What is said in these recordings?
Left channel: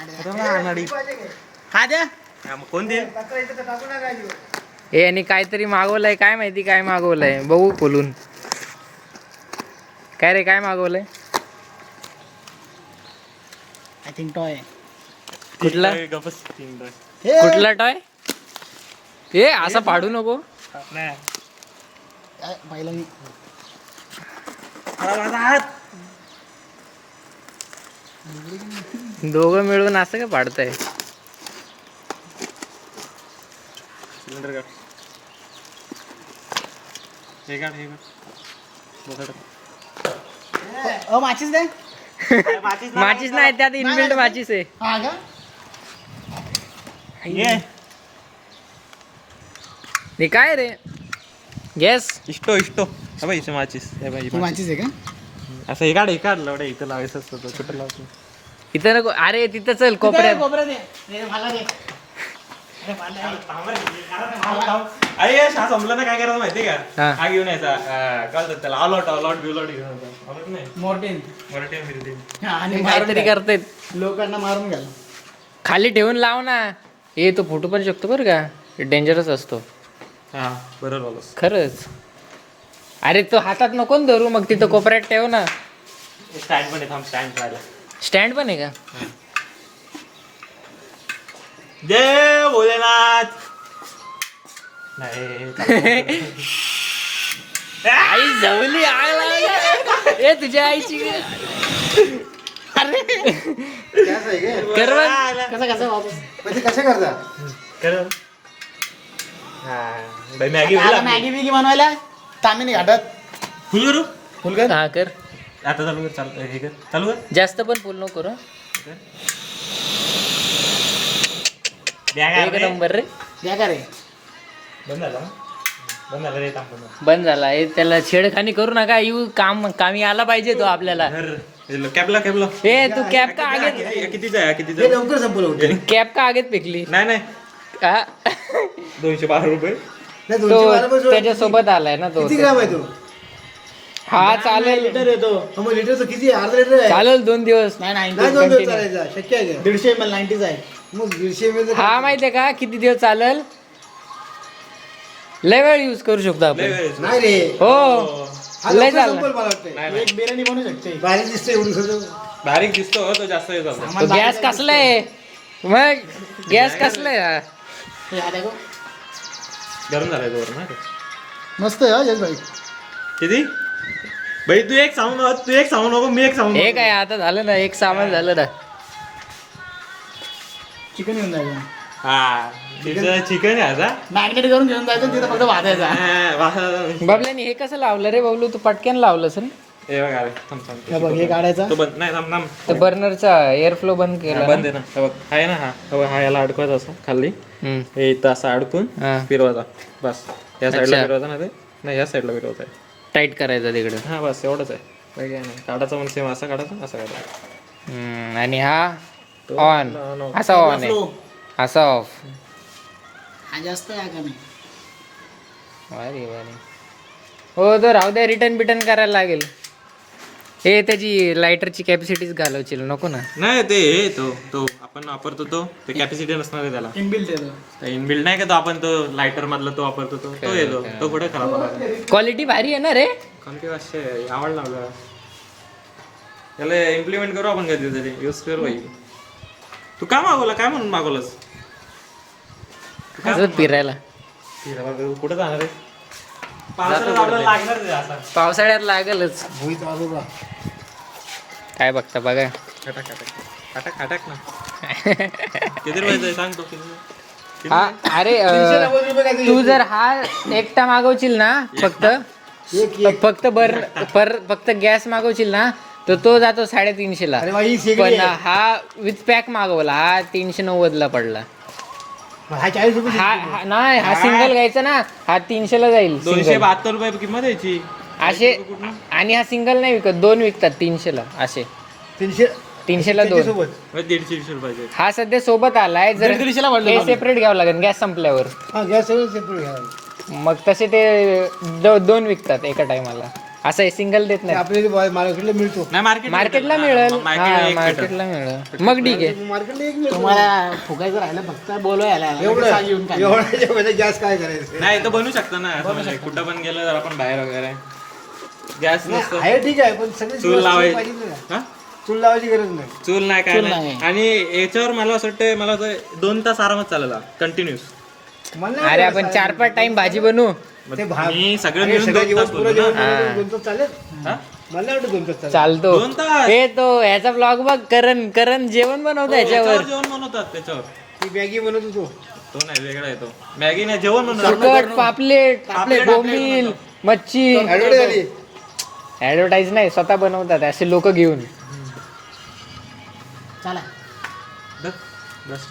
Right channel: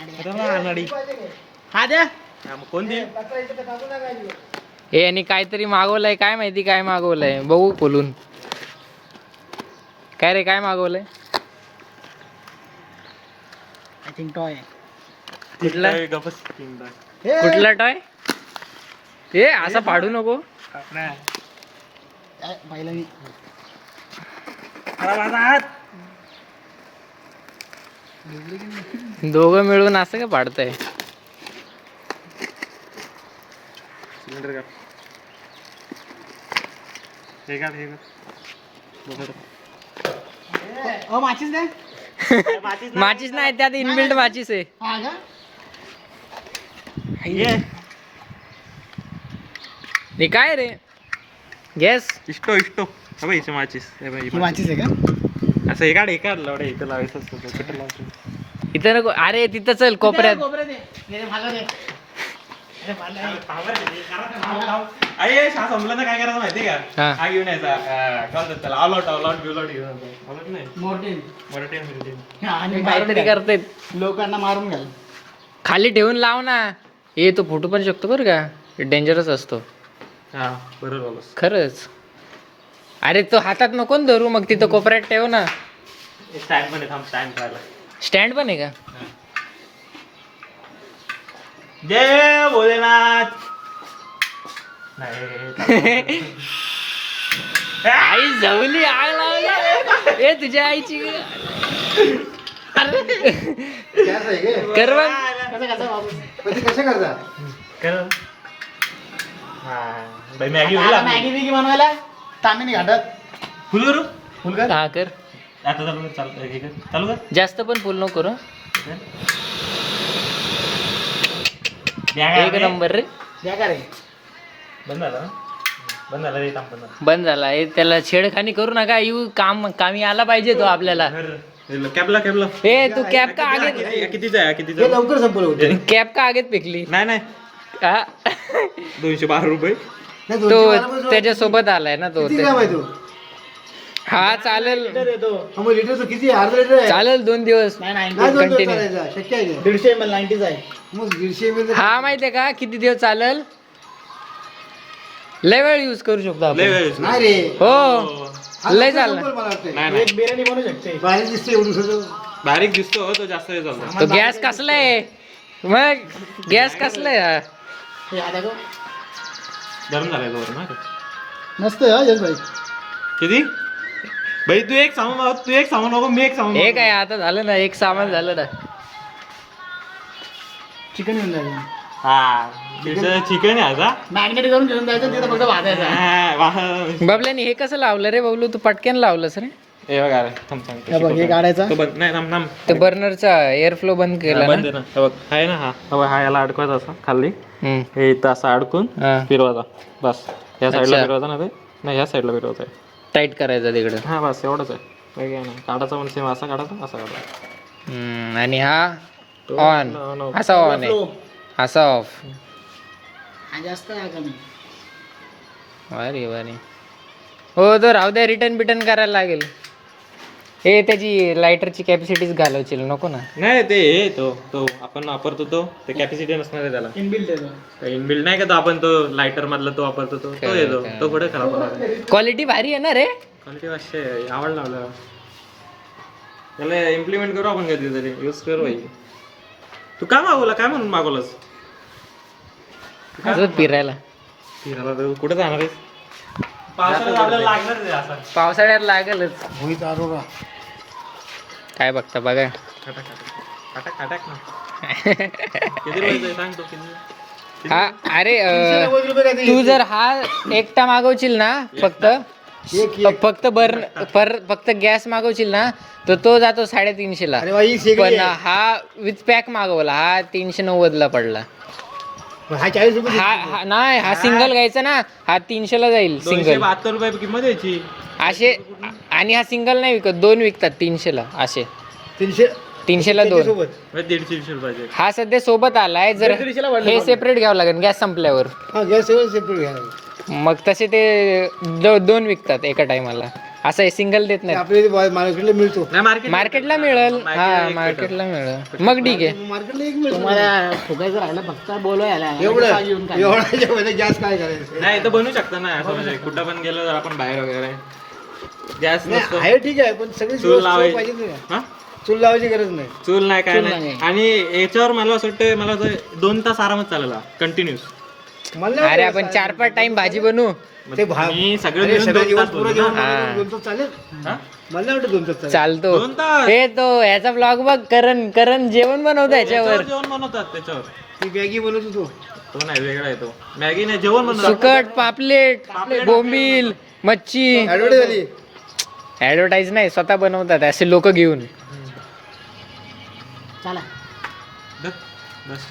हा द्या कोण दे हे आणि काहीतरी मागवलंय, काय माहिती काय मागवलंय, बघू खोलून. काय रे, काय मागवलंय? I think toy. कुठला कुठला टॉय? हे असं पाडू नको. पाहिलं मी. दोघं मिळून असं का पाडताय? माचीस द्या. माचीस नाही, त्यात इनबिल्ट माचीस आहे. हा का? हे काय रे? गॅस इष्टो माचीस ही माचीस आहे का? असं हे काढ लवडे इथं लावायचं असतं कुठं लावतो इथं नको. अरे तिथं चल कोपऱ्यात. अरे शाळा संपलं ना, काय करायचं माहिती हा. का? हा घेऊन यायचा काय त्याला अलॉट बिलॉट घेऊन यायचा. नाही मोर्टेन. मराठी काहीतरी करतायत. लोकांना मारून घ्याल. खाली ठेवून लाव ना. हे तो फुटू पण शकतो बरं का, डेंजरस असतो. हा बरोबर बोलस. खरंच. अरे तो हातात नको ना धरू, मग तिथं कोपऱ्यात ठेव ना. स्टँड पण थांब, स्टँड पाहिजे. स्टँड पण आहे का? जय भोलेनाथ. नाही आई जवली, आग लावली. ए तुझ्या आईची कर बघ. कसं करता? कर. मॅगी मॅगी बिगी बनवायला तामिनी घाटात फुल करू. फुल कर. हा कर. आता चालू कर, चालू हे कर, चालू कर. जास्त पण फुल नको करू. एक नंबर रे. द्या का रे? बंद झाला ना? बंद झाला रे, काम बंद झाला. हे त्याला छेडखानी करू नका. येऊ कामी आला पाहिजे तो आपल्याला. कॅबला ए तू कॅप का आगे, कितीचा आहे? हे लवकर संपलं होते. कॅप का आगेत फेकली? नाही हा? 212 रुपये. नाही, तो त्याच्यासोबत आलाय ना तो. किती ग्राम आहे तो? हा चालेल, लिटर येतो. मग लिटरचं किती? अर्धा लिटर आहे. चालेल 2 दिवस. नाही 2 दिवस Continue. चालायचा. शक्य आहे का? 150 ml 90 आहे. मग 150 ml हा माहितीये का किती दिवस चालेल? लय वेळ यूज करू शकतो आपण. नाही रे. हो हा लय लवकर चालणार. संपेल मला वाटतंय. नाही. एक बिर्याणी बनवू शकते. बारीक दिसते एवढं सगळं. बारीक दिसतो तो, जास्त हे झालं. तो गॅस कसलाय? मग गॅस कसलाय हा? हे हा देखो. गरम झालाय तो ना. मस्त आहे हा जग भाई. किती भाई? तू एक सामान नको, मी एक सामान हे काय आता झालं ना, एक सामान झालं ना. चिकन घेऊन जायचं. हा चिकन आहे आता. मॅरिनेट करून घेऊन जायचं, तिथं फक्त भाजायचं. बबल्यानी हे कसं लावलं रे बबलू? तू पटक्यान लावलंस रे. हे बघ, अरे थांब हे बघ, हे काढायचा. तो बंद नाही, थांब. ते बर्नरचा एअर फ्लो बंद केला बंद ना. आहे ना. हे बघ, आहे ना. हा बघ, हा याला अडकवायचा असा खाली. हम्म. हे इथं असं अडकून हा. फिरवायचा. बस या साईडला अच्छा. फिरवायचा ना ते. नाही, ह्या साईडला फिरवायचा आहे. टाईट करायचा तिकडं. हा बस एवढंच आहे. काही काय नाही. काढायचा म्हणजे सेम असा काढायचा, असा काढायचा. आणि हा ऑन, असा ऑन आहे, असा ऑफ. हा जास्त आहे का नाही? अरे अरे हो, तर राहू द्या. रिटर्न बिटर्न करायला लागेल. हे त्याची लायटरची कॅपॅसिटीच घालवशील नको ना. नाही ते हे तो आपण वापरतो तो कॅपॅसिटी नसणार आहे त्याला. इनबिल्ट आहे. इनबिल्ड नाही का तो, आपण तो लायटर मधला तो वापरतो तो येतो. तो पुढे खराब होणार. क्वालिटी भारी आहे ना रे. क्वालिटी असे आवडला मला. त्याला इम्प्लिमेंट करू आपण कधीतरी, यूज करू भाई. तू काय मागवला? काय म्हणून मागवलंस? असं फिरायला. कुठे जाणार आहे? लागणार. पावसाळ्यात लागेलच. मोहित अरोरा. काय बघता बघा. खाटाक ना. किती रुपये सांग तो. हा अरे तू जर हा एकटा मागवशील ना, फक्त गॅस मागवशील ना, तर तो जातो 350 ला. अरे भाई शेगडी पण आहे. हा विथ पॅक मागवला, हा 390 ला पडला. हा 40 रुपये. हा नाही, हा सिंगल घ्यायचा ना, हा 300 ला जाईल. सिंगल 272 रुपये किंमत यायची. असे. आणि हा सिंगल नाही विकत, 2 विकतात 300 ला असे. 300 ला 2. सोबत. 150 रुपयाचे. हा सध्या सोबत आलाय. जर 150 ला पडलं हे मला. सेपरेट घ्यावं लागेल गॅस संपल्यावर. हा गॅस सेपरेट घ्यायला. मग तसे ते 2 विकतात एका टायमाला. असं सिंगल देत नाही. आपल्या मार्केटला मिळतो. नाही मार्केटला मिळेल, हा मार्केटला मिळेल, मग ठीक आहे. मार्केटला एक मिळतो. तुम्हाला फुगायचं राहिलं फक्त बोलवायला एवढं घेऊन टाक. एवढं गॅस काय करायचं? नाही तर बनवू शकतो ना असं म्हणजे कुठं पण गेलो जर आपण बाहेर वगैरे गॅस नसतो आहे ठीक आहे पण सगळी चूल लावायची पाहिजे ना. हा? चूल लावायची गरज नाही. चूल नाही काय चूल नाही नाही. आणि याच्यावर मला असं वाटतं मला 2 तास आरामात चालेल कंटिन्यूस. मला नाही अरे आपण 4-5 टाइम भाजी बनवू. ते मी सगळं अरे मिळून सगळं 2 दिवस तास पुरं बोलतो जेवण ना. हा. 2 तास चालेल. हा? मला नाही वाटत 2 तास चालेल. चालतो. 2 तास हे तो ह्याचा ब्लॉग बघ, करण जेवण बनवतो याच्यावर ह्याच्यावर. जेवण बनवतात त्याच्यावर. ती मॅगी बनवत होतो. तो नाही वेगळा येतो मॅगी नाही जेवण बनवतात. सुकट, पापलेट, पापलेट बोंबील, मच्छी. ऍडव्हर्टाईज झाली. ऍडव्हर्टाईज नाही, स्वतः बनवतात असे लोक घेऊन. चला बस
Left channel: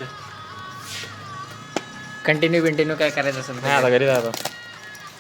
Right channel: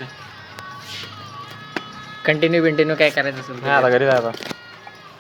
कंटिन्यू काय करायचं असेल नाही आता घरी जायचं.